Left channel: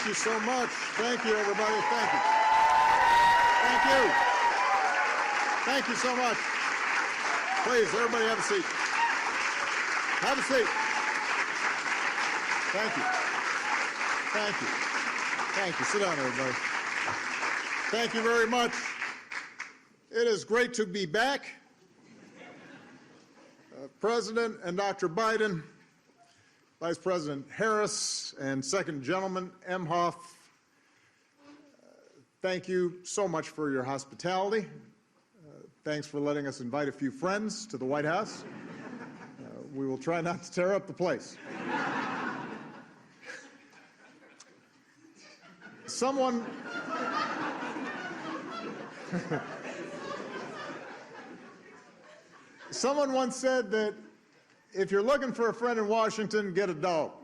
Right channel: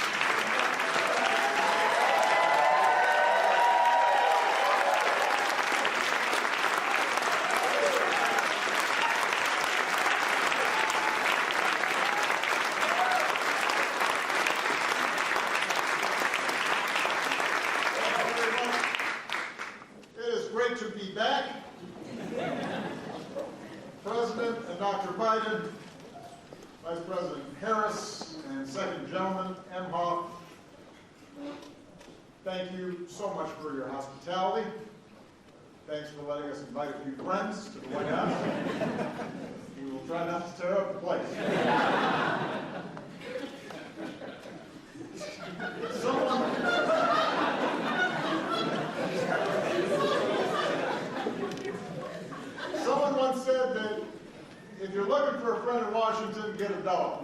Thank you so much. Thank you, everybody. Thank you. Thank you. Thank you so much. Please, everybody have a seat. Have a seat. Thank you. Thank you. Thank you. Sit down, everybody. Thank you very much. It is great to be back. President and Dr. Biden, Vice President Harris, and Second Gentleman Emhoff, thank you so much for your hospitality. Thanks for letting us invite a few friends to the White House. We will try not to tear up the place. Someone once said that if you're looking for a friend in Washington, get a dog.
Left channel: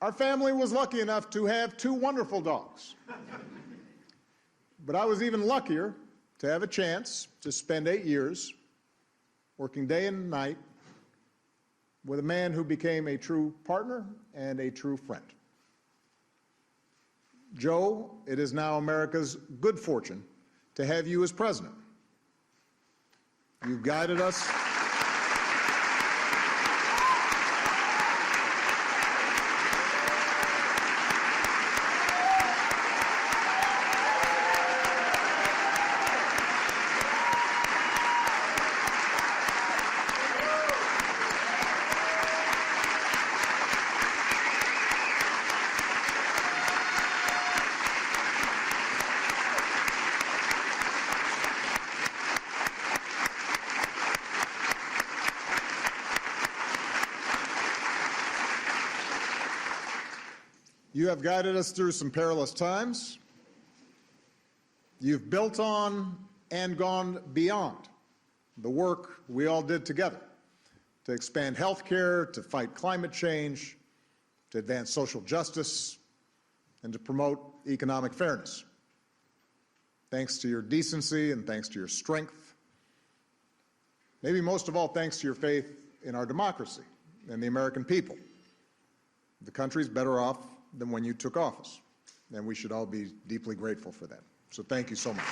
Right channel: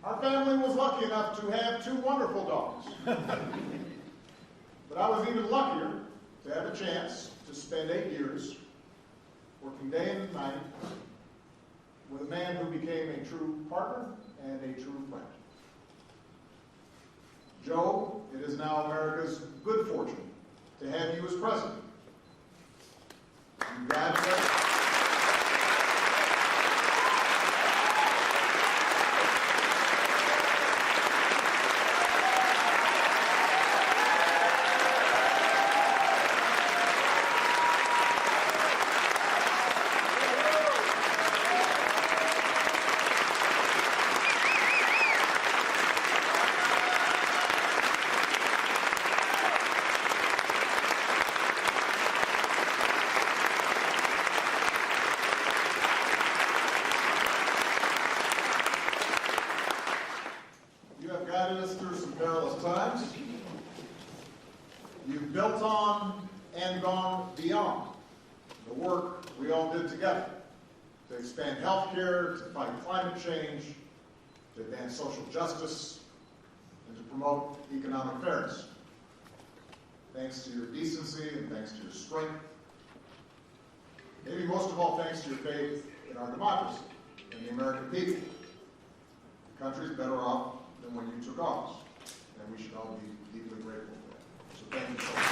Our family was lucky enough to have two wonderful dogs. But I was even luckier to have a chance to spend 8 years working day and night with a man who became a true partner and a true friend. Joe, it is now America's good fortune to have you as president. You guided us. You have guided us through some perilous times. You've built on and gone beyond the work we all did together to expand health care, to fight climate change, to advance social justice, and to promote economic fairness. Thanks to your decency and thanks to your strength. Maybe most of all, thanks to your faith in our democracy and the American people. The country's better off than when you took office, and we should all be deeply grateful for that. So thank you so much.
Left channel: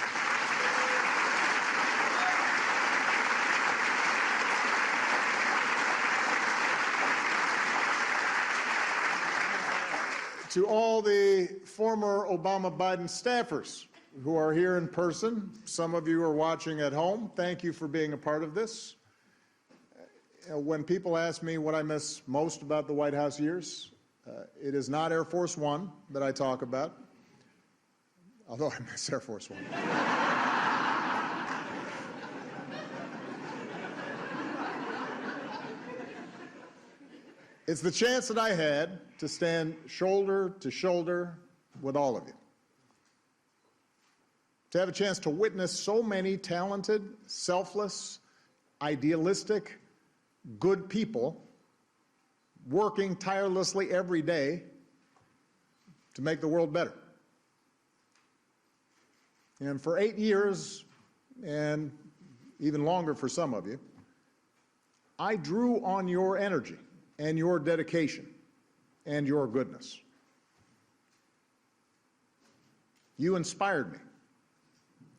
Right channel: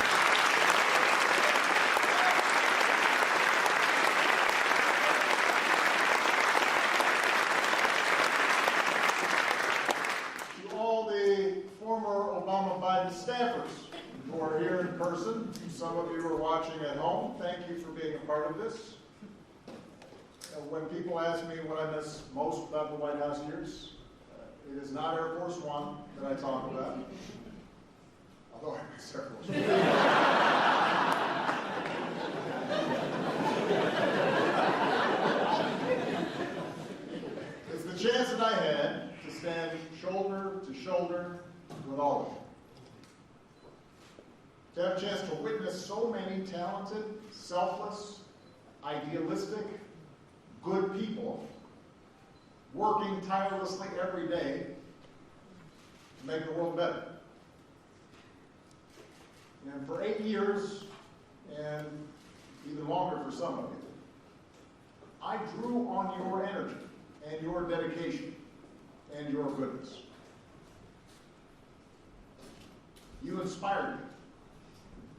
To all the former Obama-Biden staffers who are here in person, some of you are watching at home, thank you for being a part of this. When people ask me what I miss most about the White House years, it is not Air Force One that I talk about, although I miss Air Force One. It's the chance that I had to stand shoulder to shoulder with all of you. To have a chance to witness so many talented, selfless, idealistic, good people working tirelessly every day to make the world better. And for 8 years, and even longer for some of you, I drew on your energy and your dedication and your goodness. You inspired me,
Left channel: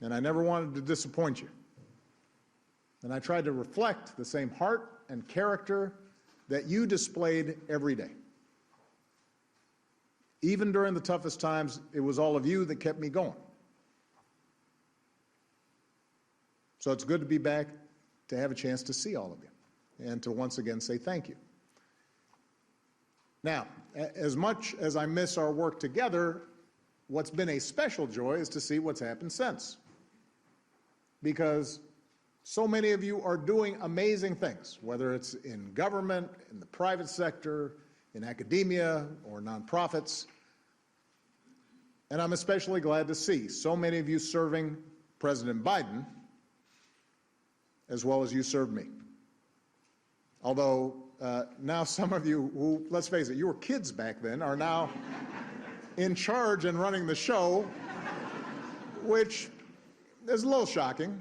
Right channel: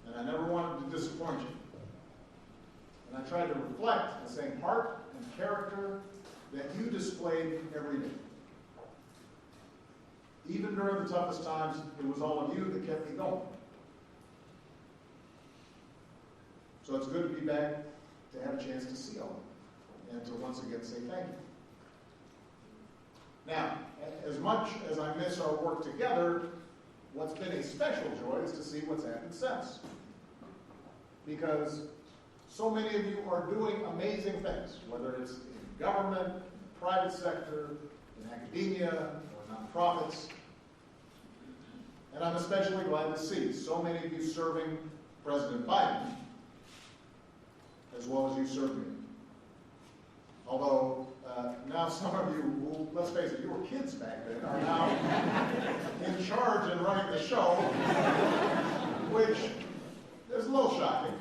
and I never wanted to disappoint you. And I tried to reflect the same heart and character that you displayed every day. Even during the toughest times, it was all of you that kept me going. So it's good to be back to have a chance to see all of you and to once again say thank you. Now, as much as I miss our work together, what's been a special joy is to see what's happened since. Because so many of you are doing amazing things, whether it's in government, in the private sector, in academia, or nonprofits. And I'm especially glad to see so many of you serving President Biden, as well as you serve me. Although now some of you who, let's face it, you were kids back then, are now in charge and running the show, which is a little shocking.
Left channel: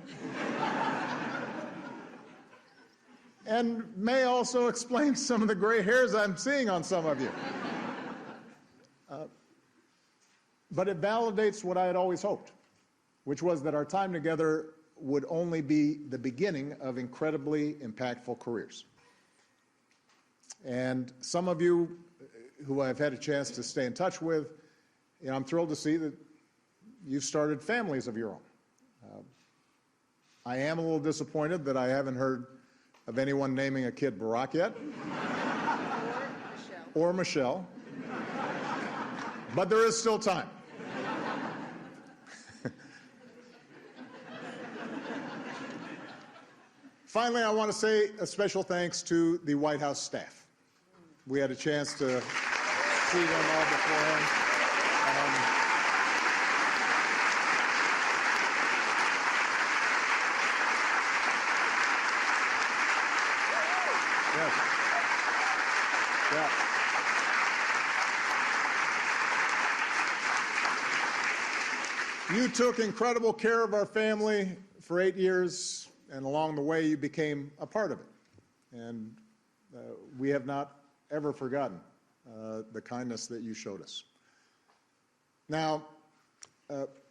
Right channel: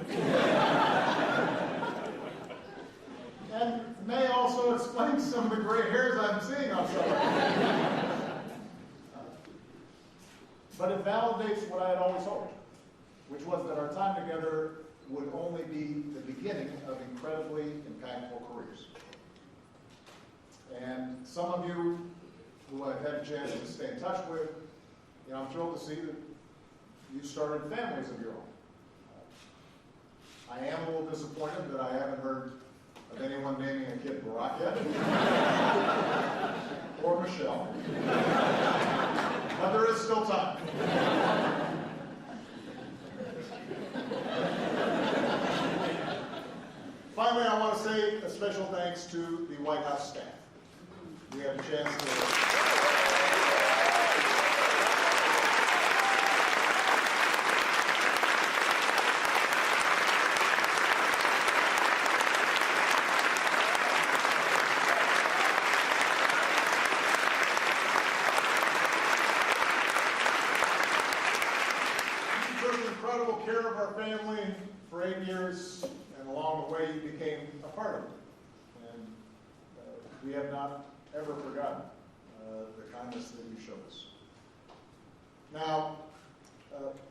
and may also explain some of the gray hairs I'm seeing on some of you. But it validates what I had always hoped, which was that our time together would only be the beginning of incredibly impactful careers. And some of you who I've had a chance to stay in touch with, I'm thrilled to see that you've started families of your own. I am a little disappointed that I haven't heard of anyone naming a kid Barack yet, or Michelle, but there is still time. Finally, I want to say a special thanks to the White House staff. We had a chance to see them all beforehand. You took incredible care of our family for 8 years, and along the way you became a part of it. And we have not ever forgotten the kindness that you showed us. Now,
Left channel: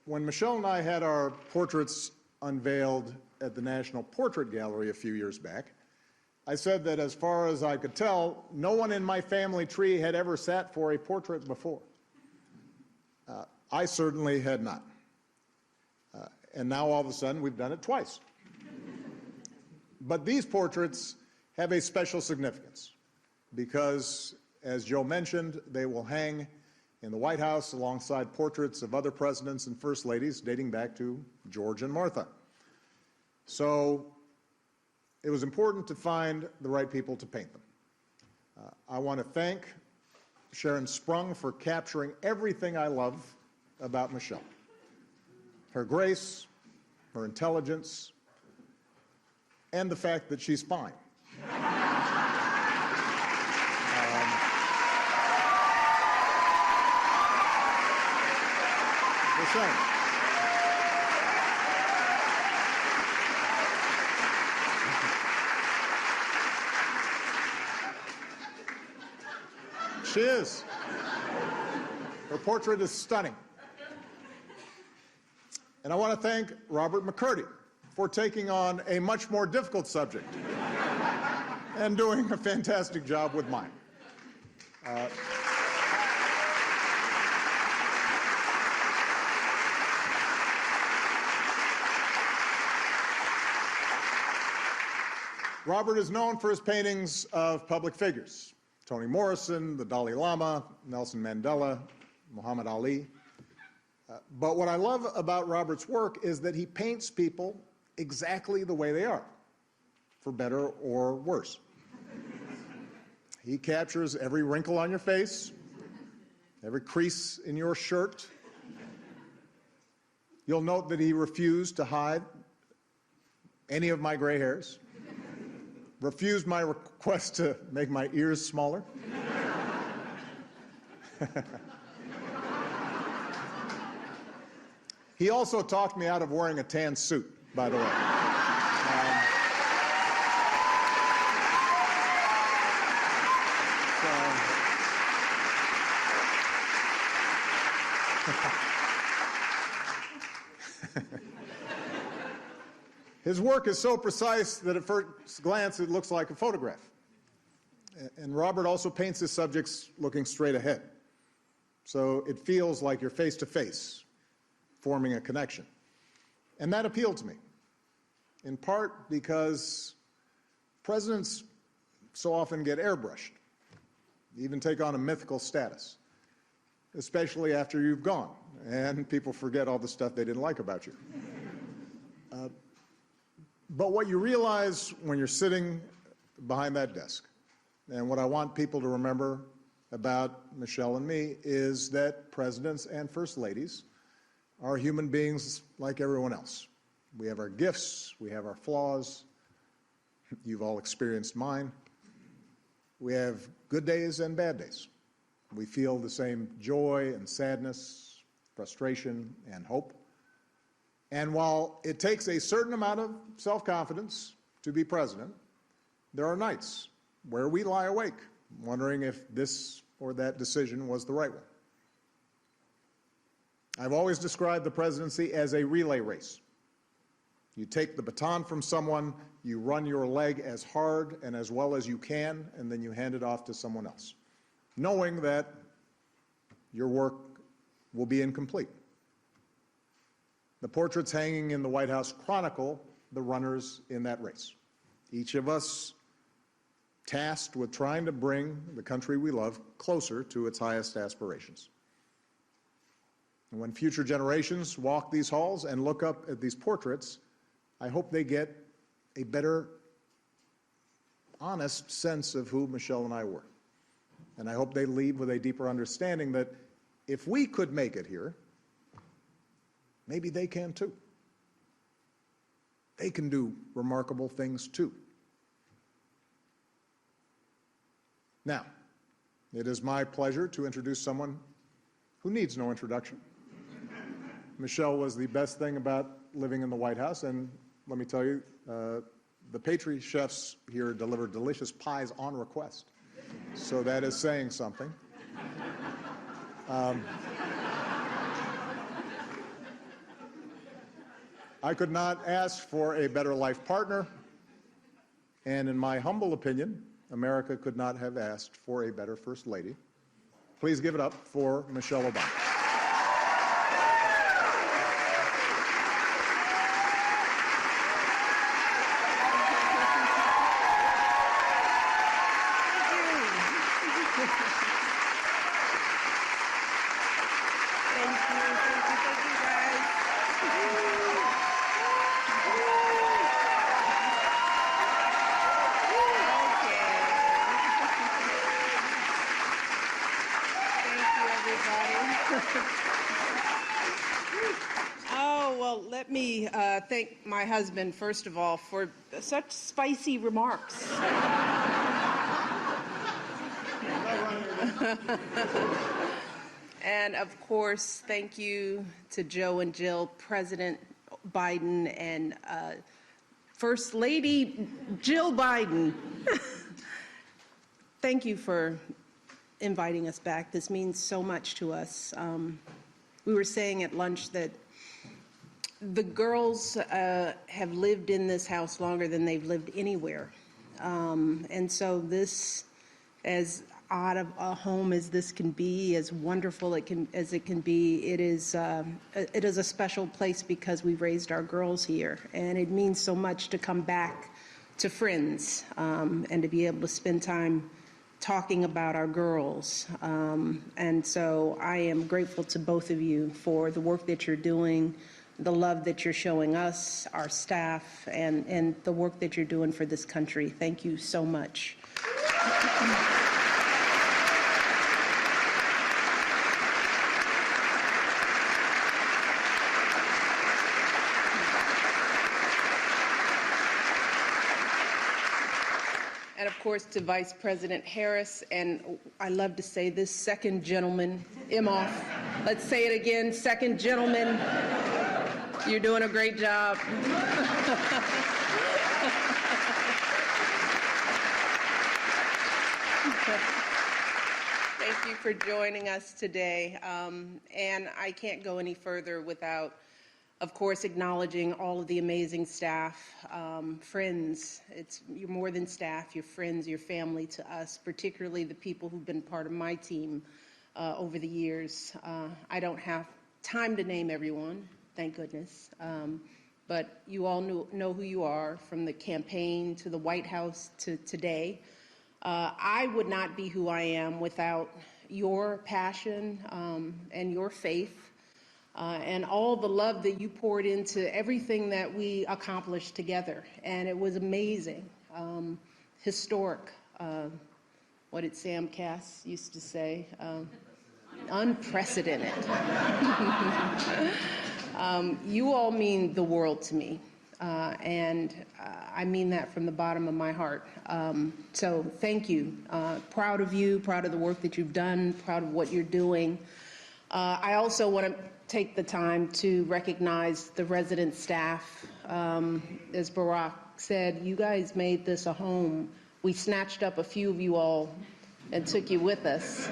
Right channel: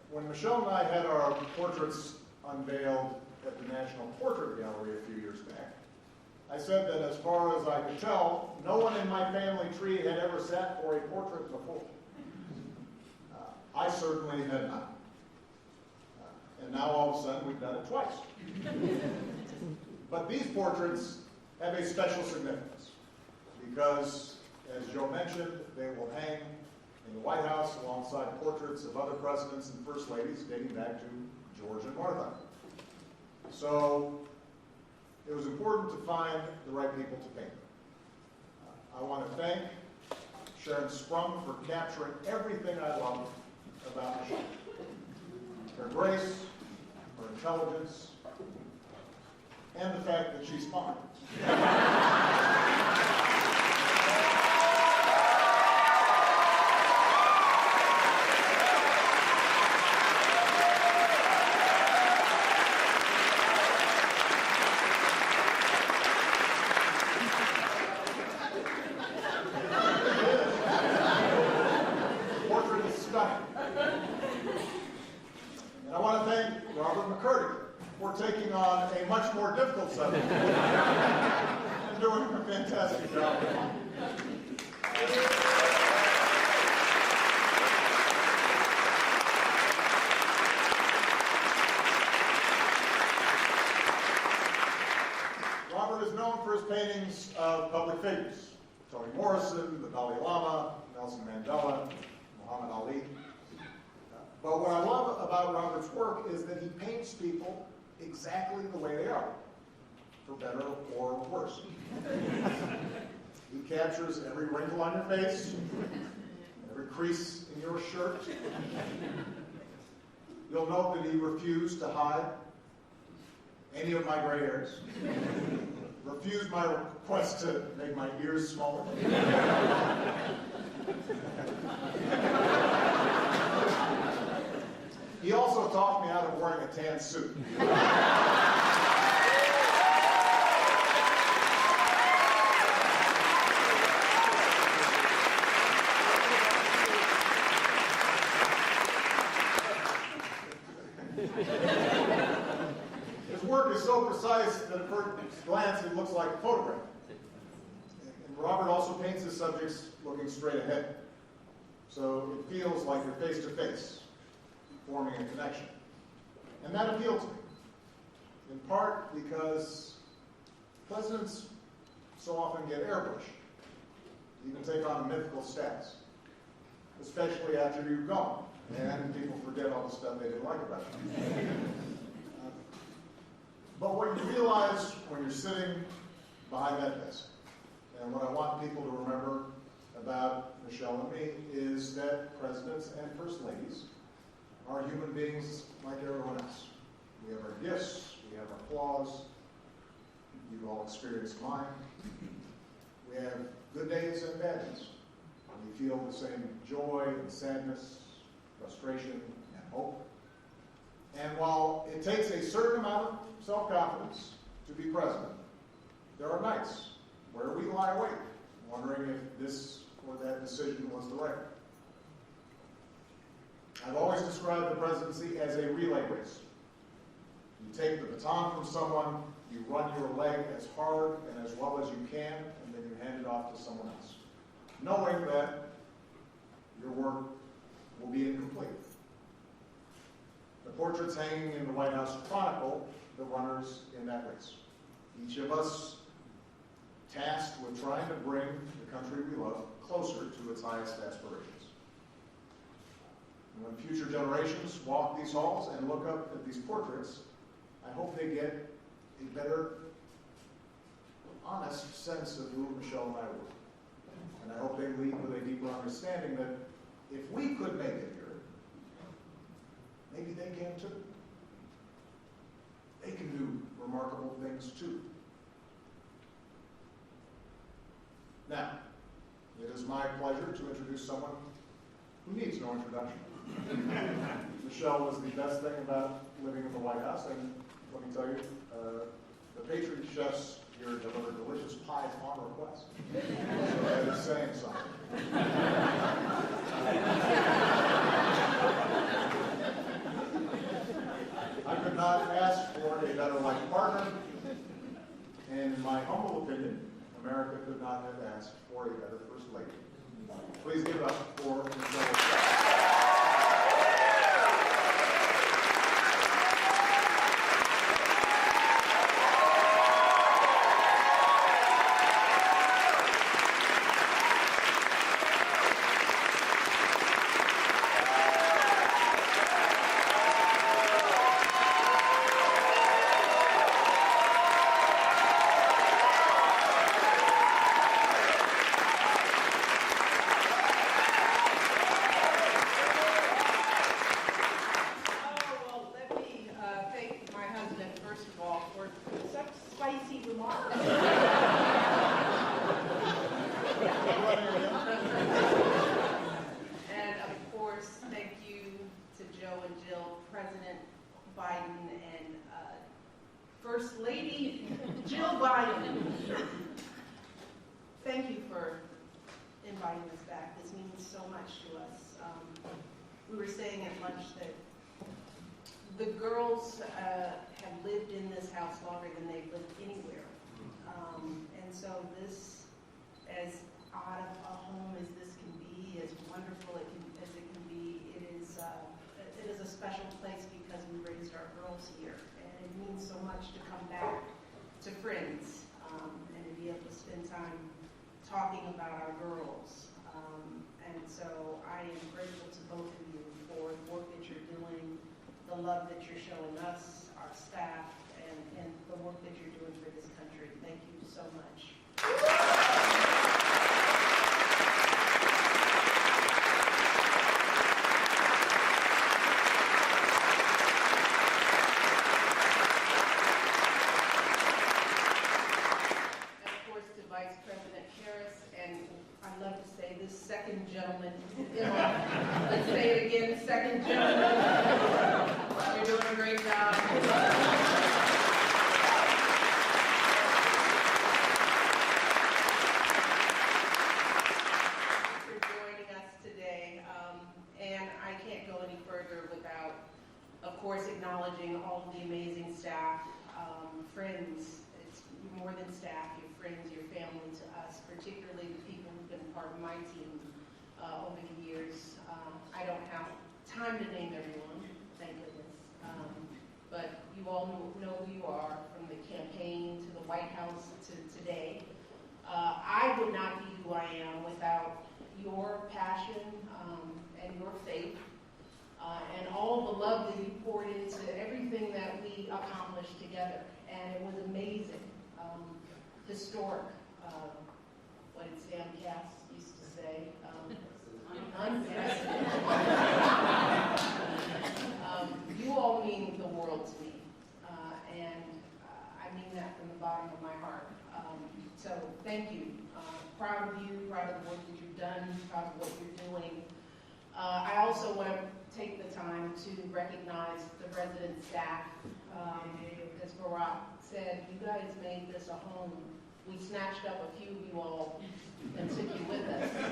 when Michelle and I had our portraits unveiled at the National Portrait Gallery a few years back, I said that as far as I could tell, no one in my family tree had ever sat for a portrait before. I certainly had not. And now all of a sudden we've done it twice. But these portraits have a special significance because, as Joe mentioned, they will hang in the White House alongside portraits of other presidents and first ladies dating back to George and Martha. So it was important to find the right people to paint them. I want to thank Sharon Sprung for capturing everything I love about Michelle. Her grace, her intelligence, and the fact that she's fine. She is. The portrait is stunning. And I want to thank Robert McCurdy for taking on a much more difficult subject and doing a fantastic job with mine. Robert is known for his paintings of public figures: Toni Morrison, the Dalai Lama, Nelson Mandela, Muhammad Ali. But what I love about Robert's work is that he paints people exactly the way they are, for better or worse. He captures every wrinkle on your face, every crease in your shirt. You'll note that he refused to hide any of my gray hairs, refused my request to make my ears smaller. He also talked me out of wearing a tan suit, by the way. His work is so precise that at first glance it looks like a photograph. And Robert also paints his subjects looking straight ahead. So it feels like you're face to face, forming a connection. And that appealed to me, in part because presidents so often get airbrushed, even take on a mythical status, especially after you've gone, and people forget all the stuff they didn't like about you. But what you realize when you're sitting behind that desk, and what I want people to remember about Michelle and me, is that presidents and first ladies are human beings like everyone else. We have our gifts, we have our flaws. You've all experienced mine. We have good days and bad days. We feel the same joy and sadness, frustration and hope. And while it takes a certain amount of self-confidence to be president, there are nights where we lie awake, wondering if this or that decision was the right one. I've always described the presidency as a relay race. You take the baton from someone, you run your leg as hard and as well as you can, and then you hand it off to someone else, knowing that your work will be incomplete. The portraits hanging in the White House chronicle the runners in that race. Each of us tasked with trying to bring the country we love closer to its highest aspirations. And when future generations walk these halls and look up at these portraits, I hope they get a better, honest sense of who Michelle and I were. And I hope they leave with a deeper understanding that if we could make it here, maybe they can too. They can do remarkable things too. Now, it is my pleasure to introduce someone who needs no introduction. Michelle was the best thing about living in the White House, and let me tell you, the pastry chefs here deliver delicious pies on request. So that is saying something. I could not ask for a better life partner, and in my humble opinion, America could not have asked for a better First Lady. Please give it up for Michelle Obama. Thank my husband, first of all, for such spicy remarks. And of course, thank you to Joe and Jill, President Biden, and First Lady Jill Biden. Thank you for inviting us back. This means so much to us. We were saying at lunch that the girls have lived in this house longer than they've lived anywhere. And so this, as odd of a home as this can be, as wonderful as it can be, it is a special place because we raised our girls here. And it means so much to come back to friends and to be able to spend time talking about our girls. And so I am grateful to both of you for the work that you're doing, the love that you're showing us, our staff, and the work that you're doing for this country. Thank you so much. And of course to Vice President Harris, and I love to say this, second gentleman, Imhoff. Let's say it again, second gentleman. You're doing a great job. Thank you for joining us today. And I can't go any further without, of course, acknowledging all of the amazing staff, friends. You're more than staff, you're friends, you're family to us, particularly the people who've been part of my team over the years. I don't have time to name everyone. Thank goodness. But you all know who you are, from the campaign to the White House to today. I would not be who I am without your passion and your faith and all the love that you poured into everything that we accomplished together. And it was amazing, historic. What did Sam Cass used to say? Unprecedented. You all mean the world to me, and I mean that from the bottom of my heart. So thank you. Proud of you, proud of the work that you've done, proud of what you're doing. I also want to take the time to recognize the resident staff. As Barack said, you guys made this a home We snatched up a few of you all and took you with us.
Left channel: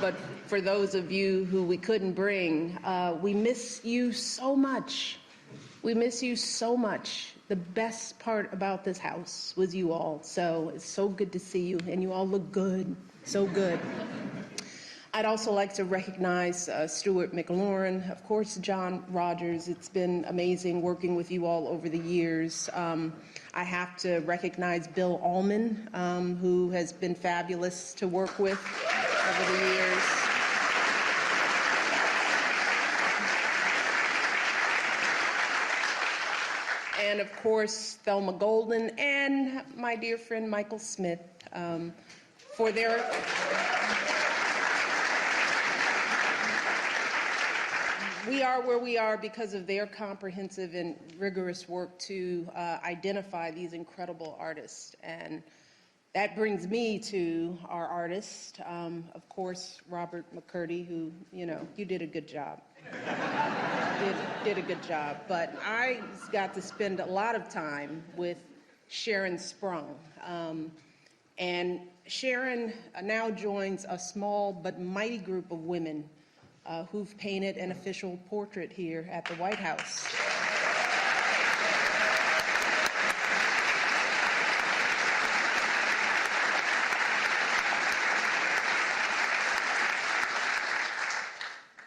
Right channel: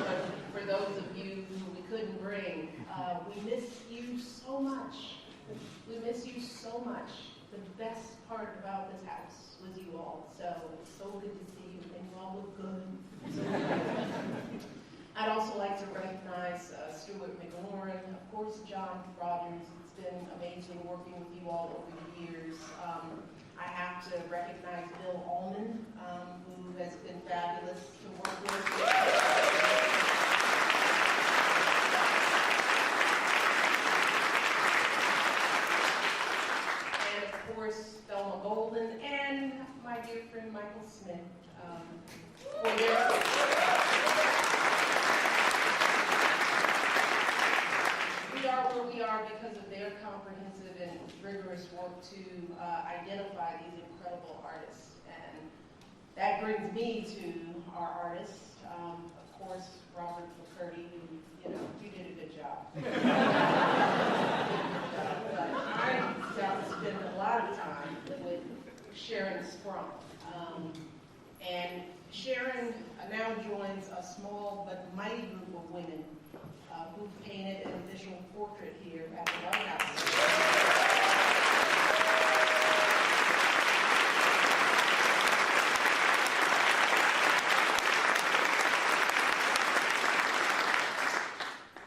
But for those of you who we couldn't bring, we miss you so much. We miss you so much. The best part about this house was you all. So it's so good to see you, and you all look good, so good. I'd also like to recognize Stuart McLaurin, of course, John Rogers. It's been amazing working with you all over the years. I have to recognize Bill Allman, who has been fabulous to work with over the years. And of course, Thelma Golden and my dear friend Michael Smith for their... We are where we are because of their comprehensive and rigorous work to identify these incredible artists. And that brings me to our artist, of course, Robert McCurdy, who, you did a good job. You did a good job. But I got to spend a lot of time with Sharon Sprung. And Sharon now joins a small but mighty group of women who've painted an official portrait here at the White House.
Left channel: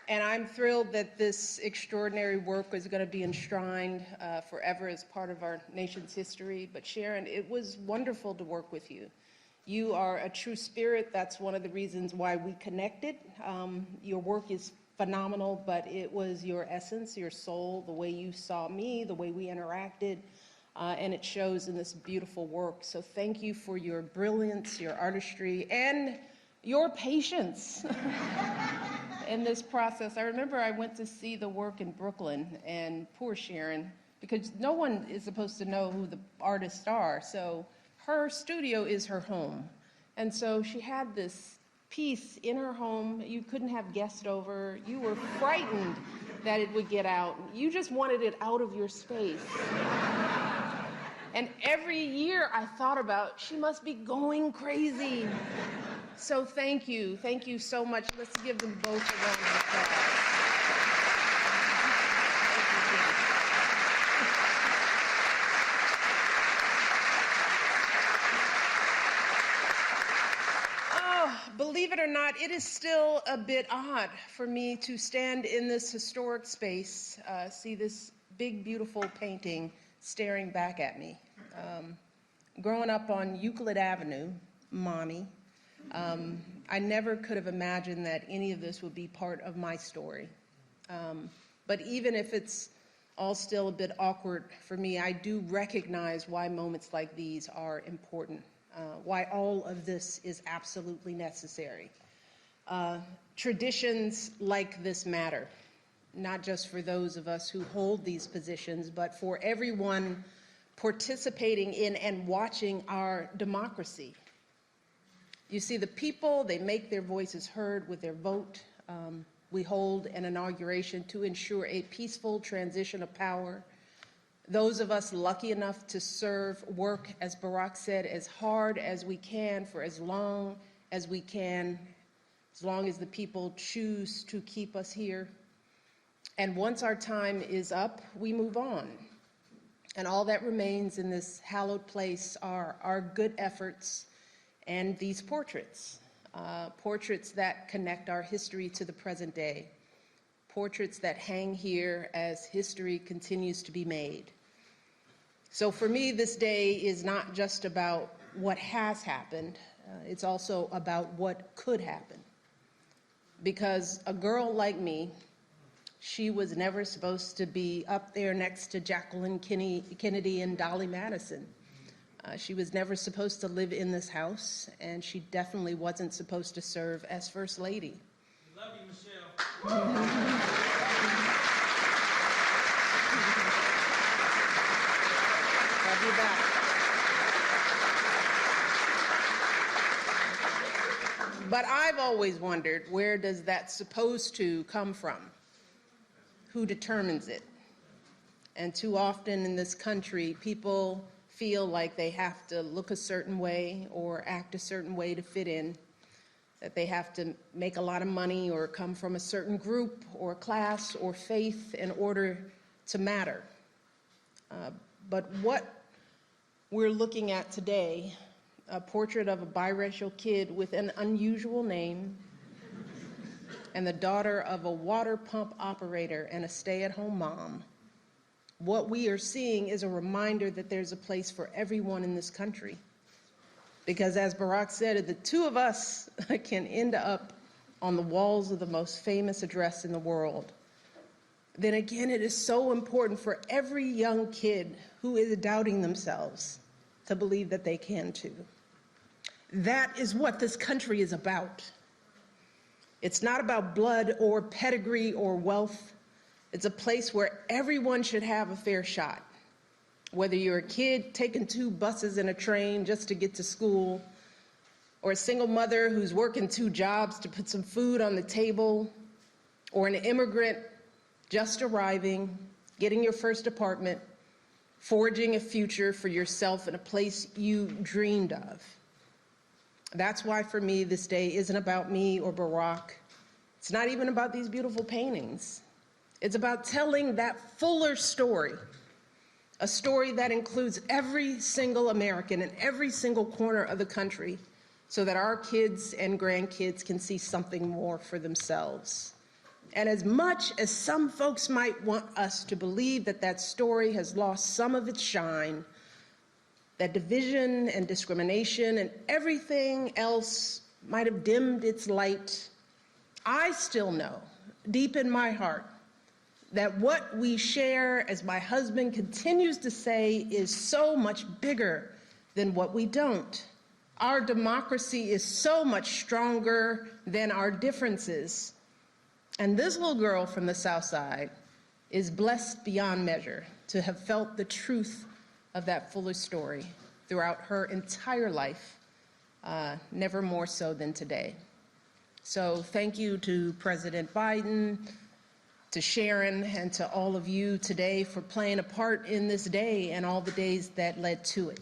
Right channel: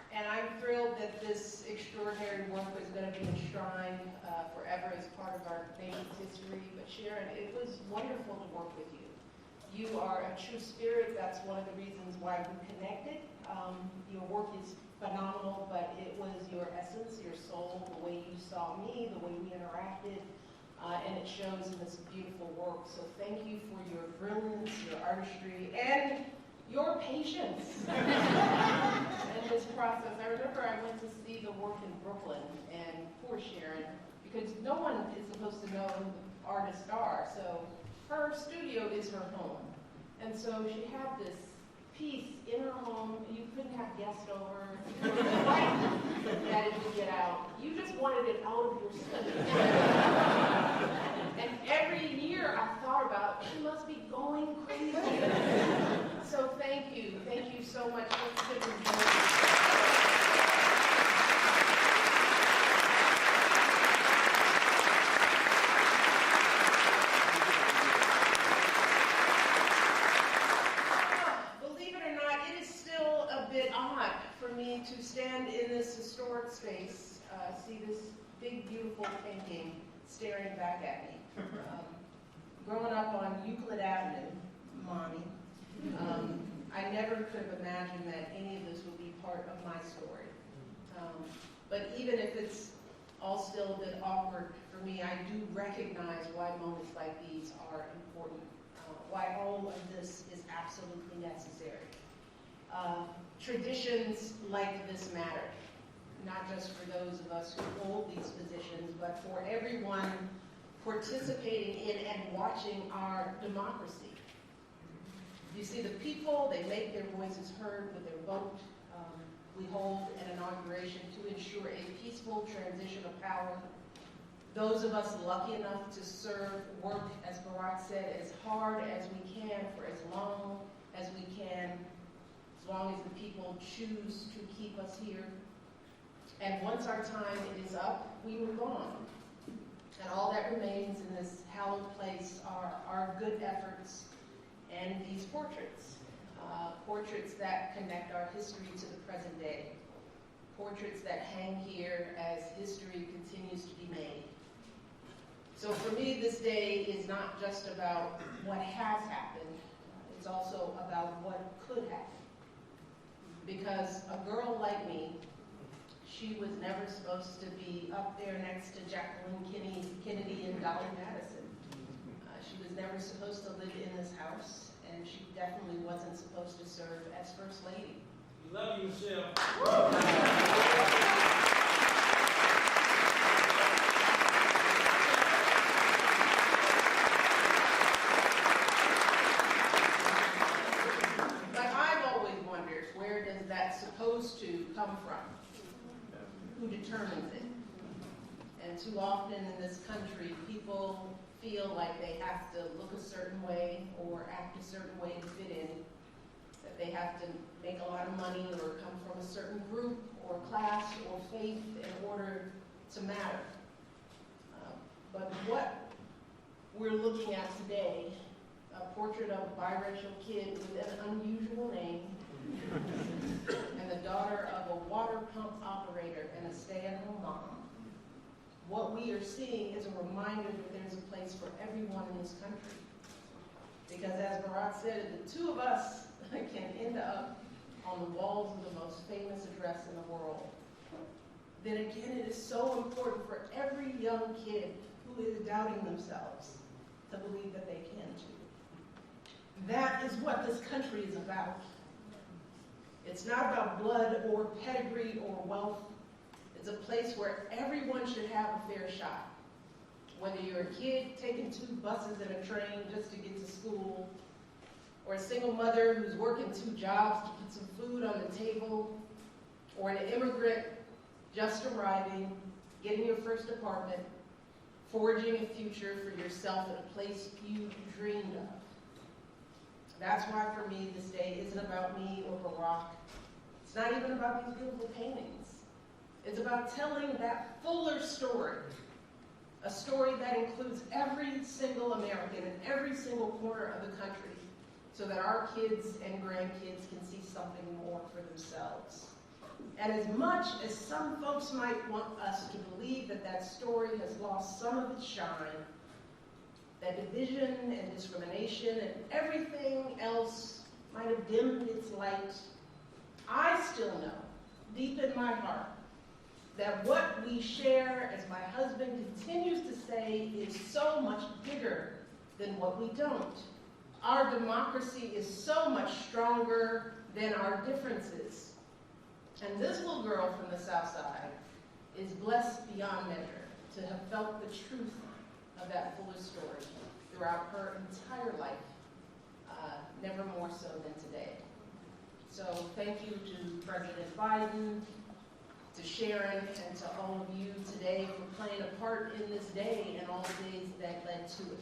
And I'm thrilled that this extraordinary work is going to be enshrined forever as part of our nation's history. But Sharon, it was wonderful to work with you. You are a true spirit. That's one of the reasons why we connected. Your work is phenomenal, but it was your essence, your soul, the way you saw me, the way we interacted, and it shows in this beautiful work. So thank you for your brilliance, your artistry, and your patience in this process. I remember I went to see the work in Brooklyn, and poor Sharon, because no one is supposed to know who the artists are, so her studio is her home. And so she had this piece in her home. You couldn't have guests over. You were frightened that it would get out. You just wanted it out of your space. And every year I thought about, she must be going crazy. So thank you so much. Let's give them both. Believe it or not, it is still a bit odd for me to stand in this historic space, see this big, beautiful painting staring back at me. Growing up on Euclid Avenue, Mommy, I never could have imagined that any of this would be part of my story. But even if it's all still a bit awkward for me, I do recognize why moments like these are important. Why all of this is absolutely necessary. Traditions like this matter, not just for those of us who hold these positions, but for everyone participating in and watching our democracy. You see, the people, they make their voices heard with their vote. We hold an inauguration to ensure a peaceful transition of power. Those of us lucky enough to serve, work, as Barack said, as hard as we can for as long as we can, as long as the people choose to keep us here. And once our time is up, we move on. And all that remains in this hallowed place are our good efforts and these portraits. Portraits that connect our history to the present day. Portraits that hang here as history continues to be made. So for me, this day is not just about what has happened, it's also about what could happen. Because a girl like me, she was never supposed to be up there next to Jacqueline Kennedy and Dolly Madison. She was never supposed to live in this house, and she definitely wasn't supposed to serve as First Lady. Love you, Michelle. But I've always wondered, where does that supposed to come from? Who determines it? And too often in this country, people feel like they have to look a certain way or act a certain way to fit in, that they have to make a lot of money or come from a certain group or class or faith in order to matter. But what we're looking at today, a portrait of a biracial kid with an unusual name and the daughter of a water pump operator and a stay-at-home mom, what we are seeing is a reminder that there's a place for everyone in this country. Because as Barack said, the two of us can end up on the walls of the most famous address in the world. Then again, it is so important for every young kid who is doubting themselves to believe that they can too. That is what this country is about. It's not about blood or pedigree or wealth. It's a place where everyone should have a fair shot. Whether you're a kid taking 2 buses and a train just to get to school, or a single mother who's working 2 jobs to put some food on the table, or an immigrant just arriving, getting your first apartment, forging a future for yourself in a place you dreamed of. That's why for me this day isn't about me or Barack. It's not even about these beautiful paintings. It's about telling that fuller story, a story that includes every single American in every single corner of the country, so that our kids and grandkids can see something more for themselves. And as much as some folks might want us to believe that that story has lost some of its shine, that division and discrimination and everything else might have dimmed its light, I still know, deep in my heart, that what we share, as my husband continues to say, is so much bigger than what we don't. Our democracy is so much stronger than our differences. And this little girl from the South Side is blessed beyond measure to have felt the truth of that fuller story throughout her entire life, never more so than today. So thank you to President Biden, to Sharon, and to all of you today for playing a part in this day and all the days that led to it.